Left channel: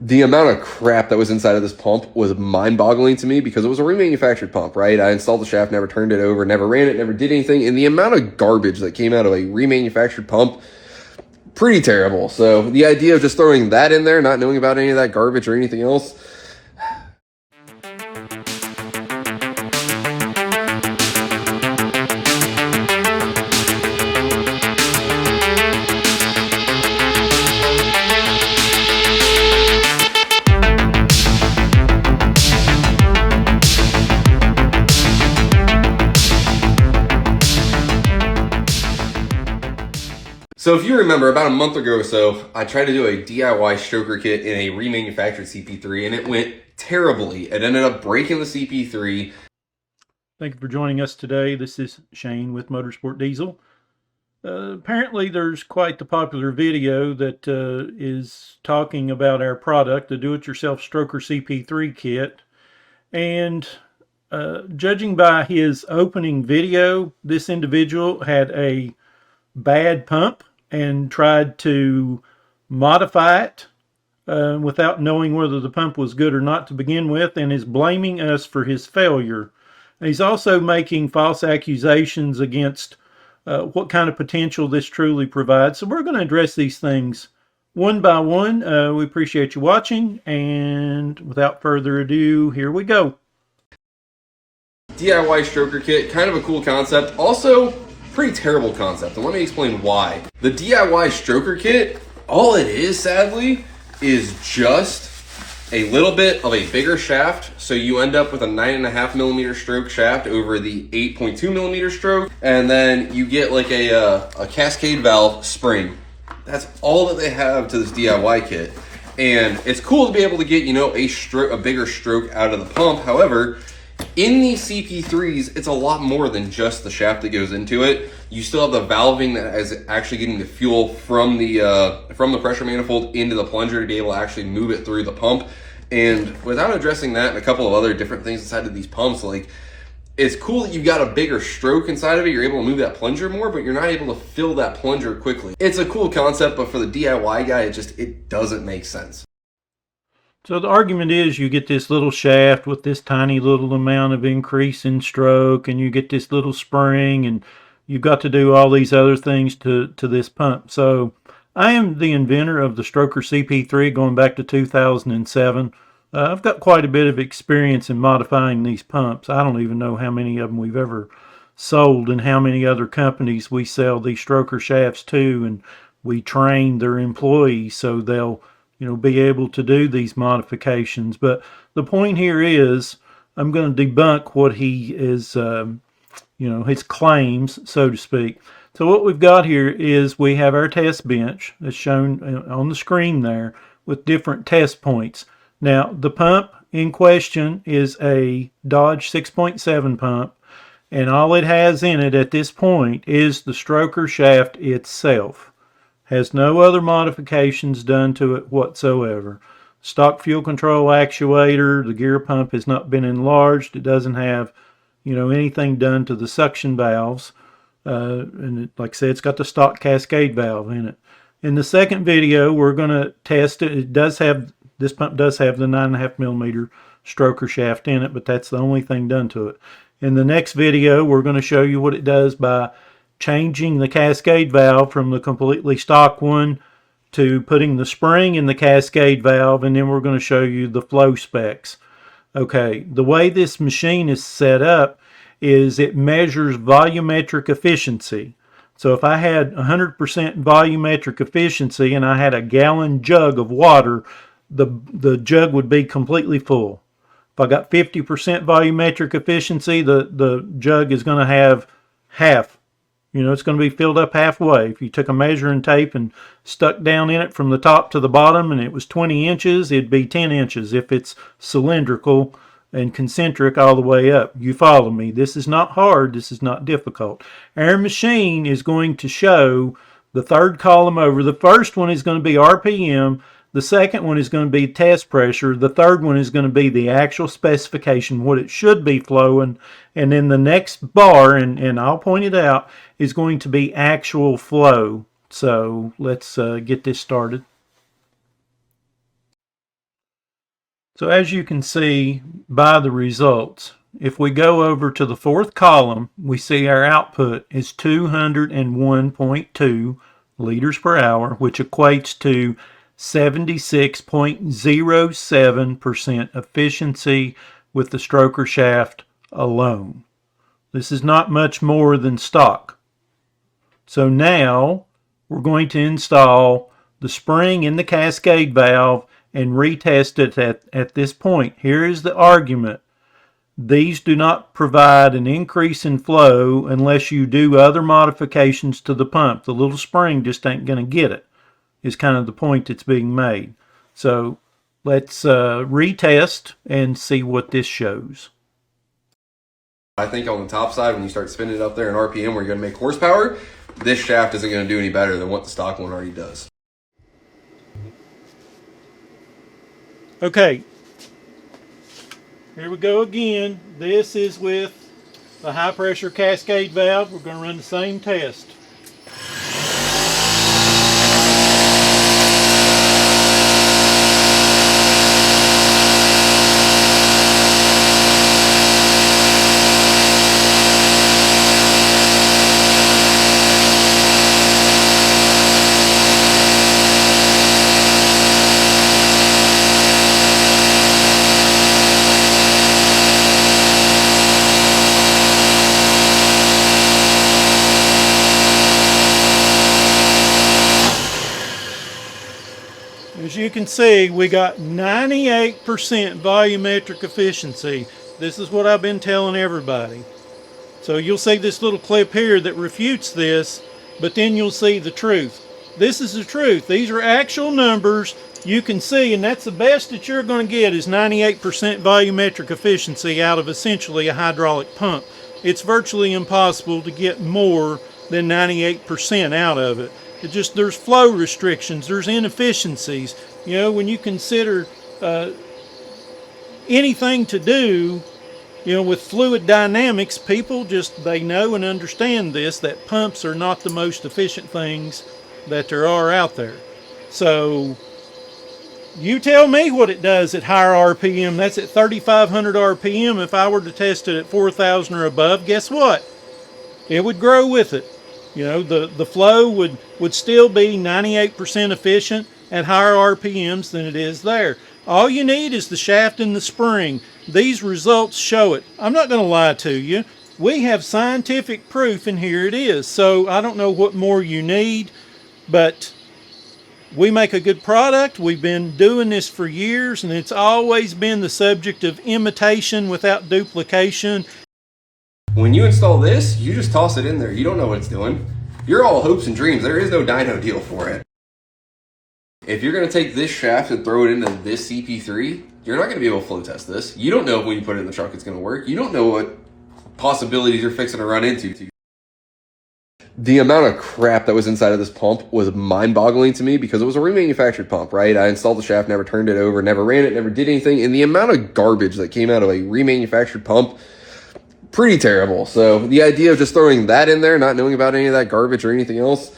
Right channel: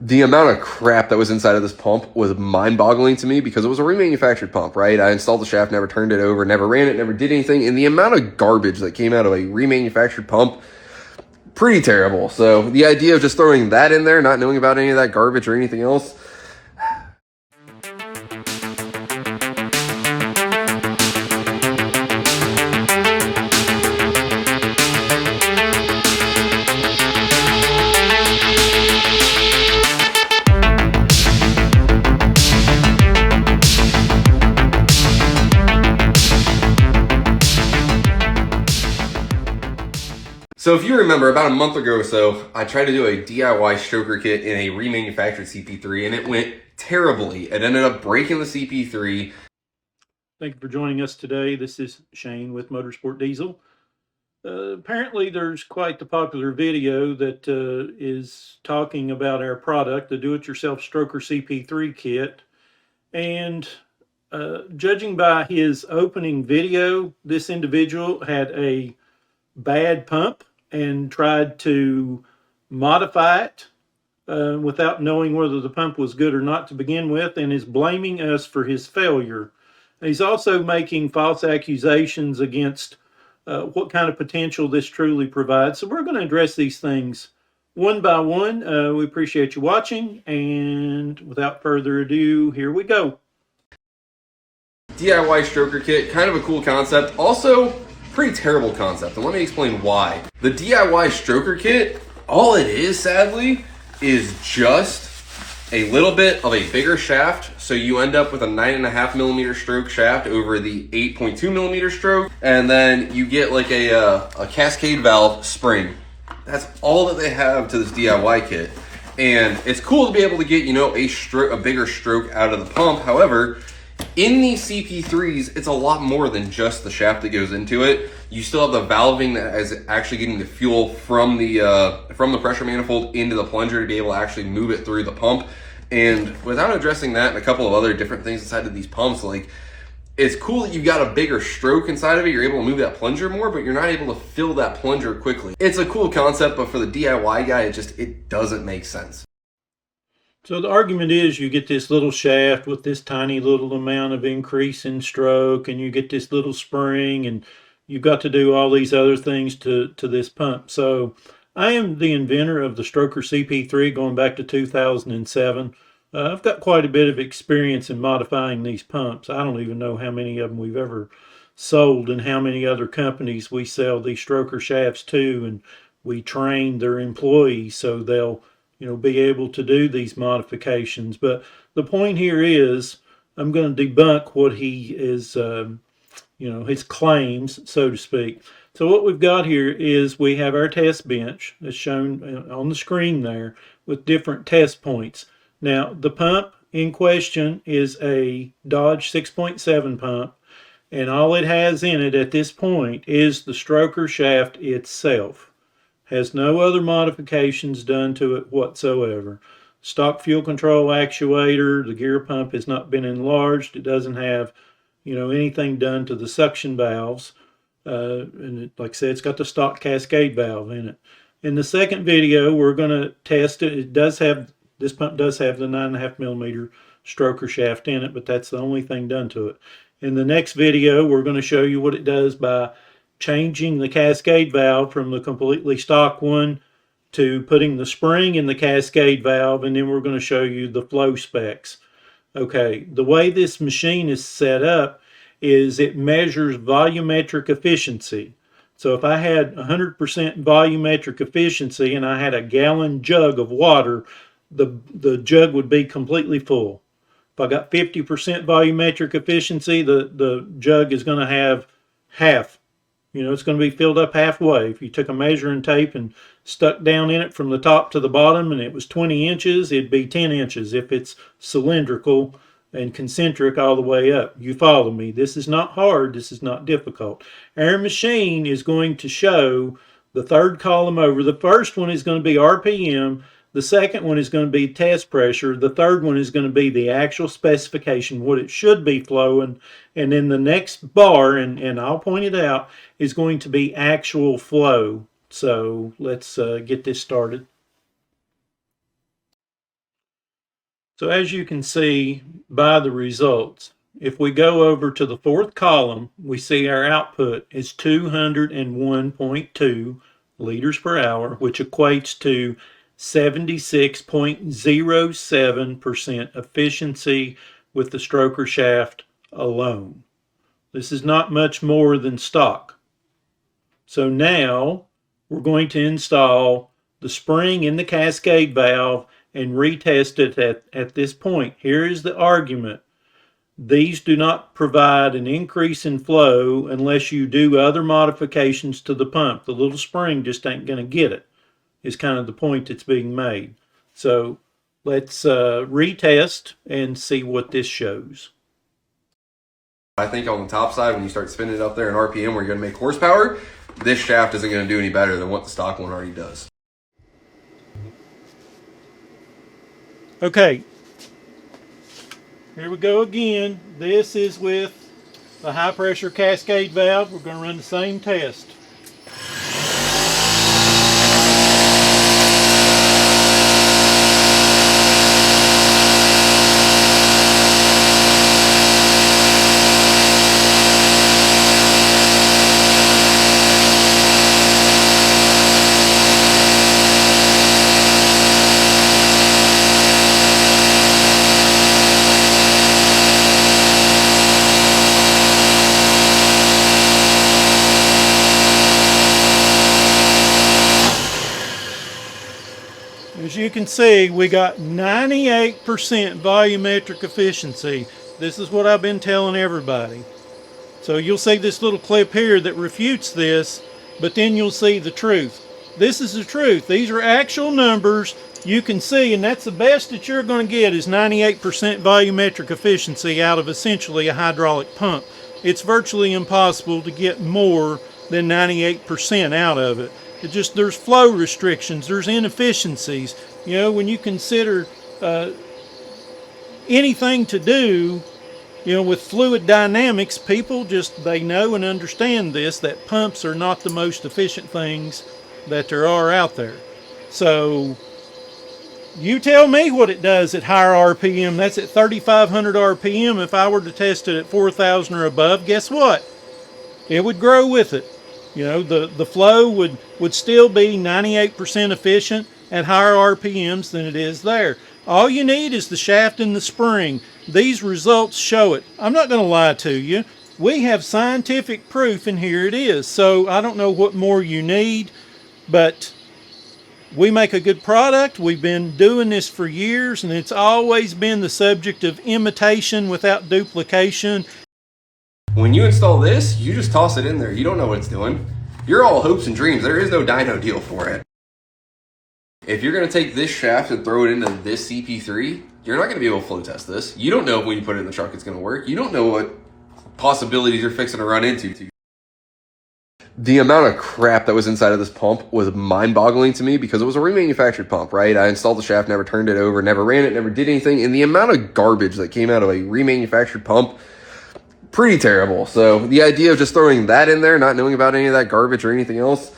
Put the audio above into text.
The amount of crap that was inside of this pump was mind-boggling to me because it was a remanufactured pump, right? I installed the shaft, never turned it over, never ran it, never did anything, and the amount of garbage that came out of a remanufactured pump, pretty terrible. So the idea of just throwing that in there, not knowing about any of that garbage or anything else, so if you remember, about a month ago or so, I tried to do a DIY stroker kit in a remanufactured CP3, and it went terribly. It ended up breaking the CP3. Thank you for joining us today. This is Shane with Motorsport Diesel. Apparently there's quite the popular video that is talking about our product, the do-it-yourself stroker CP3 kit. And judging by his opening video, this individual had a bad pump and tried to modify it without knowing whether the pump was good or not to begin with, and is blaming us for his failure. He's also making false accusations against what kind of potential this truly provides. So we're going to address these things one by one. We appreciate you watching, and without further ado, here we go. DIY stroker kit, kind of a cool concept. Also, pretty terrible concept, and let me explain why. The DIY stroker kit, all it is, sadly, is just a little bit of a bigger shaft, so you end up with a 9.5 millimeter stroke shaft over the 8.2 millimeter stroke, and then you get like a cascade valve spring. That's all that they have to this DIY kit, and it's cool to be able to get, you know, a bigger stroke out of the pump. However, in these CP3s, it's a lot more than just the shaft that goes into it. You still have the valving that is actually getting the fuel from the pressure manifold into the plunger to be able to actually move it through the pump. And without addressing that and a couple of other different things inside of these pumps, like, it's cool that you've got a bigger stroke inside of it. You're able to move that plunger more, but you're not able to fill that plunger quickly. It's a cool concept, but for the DIY guy, it doesn't make sense. So the argument is you get this little shaft with this tiny little amount of increase in stroke, and you get this little spring, and you've got to do all these other things to this pump. So I am the inventor of the stroker CP3 going back to 2007. I've got quite a bit of experience in modifying these pumps. I don't even know how many of them we've ever sold and how many other companies we sell these stroker shafts to, and we train their employees so they'll, you know, be able to do these modifications. But the point here is I'm going to debunk what he is, you know, his claims, so to speak. So what we've got here is we have our test bench as shown on the screen there with different test points. Now the pump in question is a Dodge 6.7 pump, and all it has in it at this point is the stroker shaft itself. Has no other modifications done to it whatsoever. Stock fuel control actuator, the gear pump has not been enlarged. It doesn't have, you know, anything done to the suction valves. And like I said, it's got the stock cascade valve in it. In the second video, we're going to test it. This pump does have the 9.5 millimeter stroker shaft in it, but that's the only thing done to it. In the next video, we're going to show you what it does by changing the cascade valve from the completely stock one to putting the spring in the cascade valve, and then we're going to show you the flow specs. Okay, the way this machine is set up is it measures volumetric efficiency. So if I had 100% volumetric efficiency and I had a gallon jug of water, the jug would be completely full. If I got 50% volumetric efficiency, the jug is going to have half. You know, it's going to be filled up halfway. If you took a measuring tape and stuck down in it from the top to the bottom and it was 20 inches, it'd be 10 inches if it's cylindrical and concentric all the way up. You follow me? This is not hard. This is not difficult. Our machine is going to show the third column over. The first one is going to be RPM. The second one is going to be test pressure. The third one is going to be the actual specification, what it should be flowing. And then the next bar, and I'll point it out, is going to be actual flow. So let's get this started. So as you can see by the results, if we go over to the fourth column, we see our output is 201.2 liters per hour, which equates to 76.07% efficiency with the stroker shaft alone. This is not much more than stock. So now we're going to install the spring in the cascade valve and retest it at this point. Here is the argument. These do not provide an increase in flow unless you do other modifications to the pump. The little spring just ain't going to get it, is kind of the point that's being made. So let's retest and see what this shows. I think on the top side, when you start spinning it up there in RPM where you're going to make horsepower, this shaft isn't going to do any better than what the stock one already does. Okay, here we go again. This is with the high pressure cascade valve. We're going to run the same test. As you can see, we got 98% volumetric efficiency. This is what I've been telling everybody. So you'll see this little clip here that refutes this, but then you'll see the truth. This is the truth. These are actual numbers you can see, and that's the best that you're going to get is 98% volumetric efficiency out of essentially a hydraulic pump. It's virtually impossible to get more than 98% out of it. It just, there's flow restrictions, there's inefficiencies. You know, when you consider anything to do, you know, with fluid dynamics, people just, they know and understand this, that pumps are not the most efficient things that there are out there. So you tell me what it does at higher RPM. That's at 3,500 RPM. If I were to test it at 4,000 or above, guess what? It would grow with it. You know, the flow would still be 98% efficient at higher RPMs than it is there. All you need is the shaft and the spring. These results show it. I'm not going to lie to you. We have scientific proof, and here it is. So I don't know what more you need, but we make a good product. We've been doing this for years, and it's always been the subject of imitation without duplication. When you install this, you just toss it in there. You don't know what it's doing. You're all hopes and dreams. There is no dyno deal for it. If you're going to take this shaft and throw it into this CP3, you're not going to be able to flow test this. You don't know if when you put it in the truck it's going to work. You don't know what possibilities you're fixing to run into. The amount of crap that was inside of this pump was mind-boggling to me because it was a remanufactured pump, right? I installed the shaft, never turned it over, never ran it, never did anything. And the amount of garbage that came out of a remanufactured pump, pretty terrible. So the idea of just throwing that in there, not knowing about any of that garbage or anything else,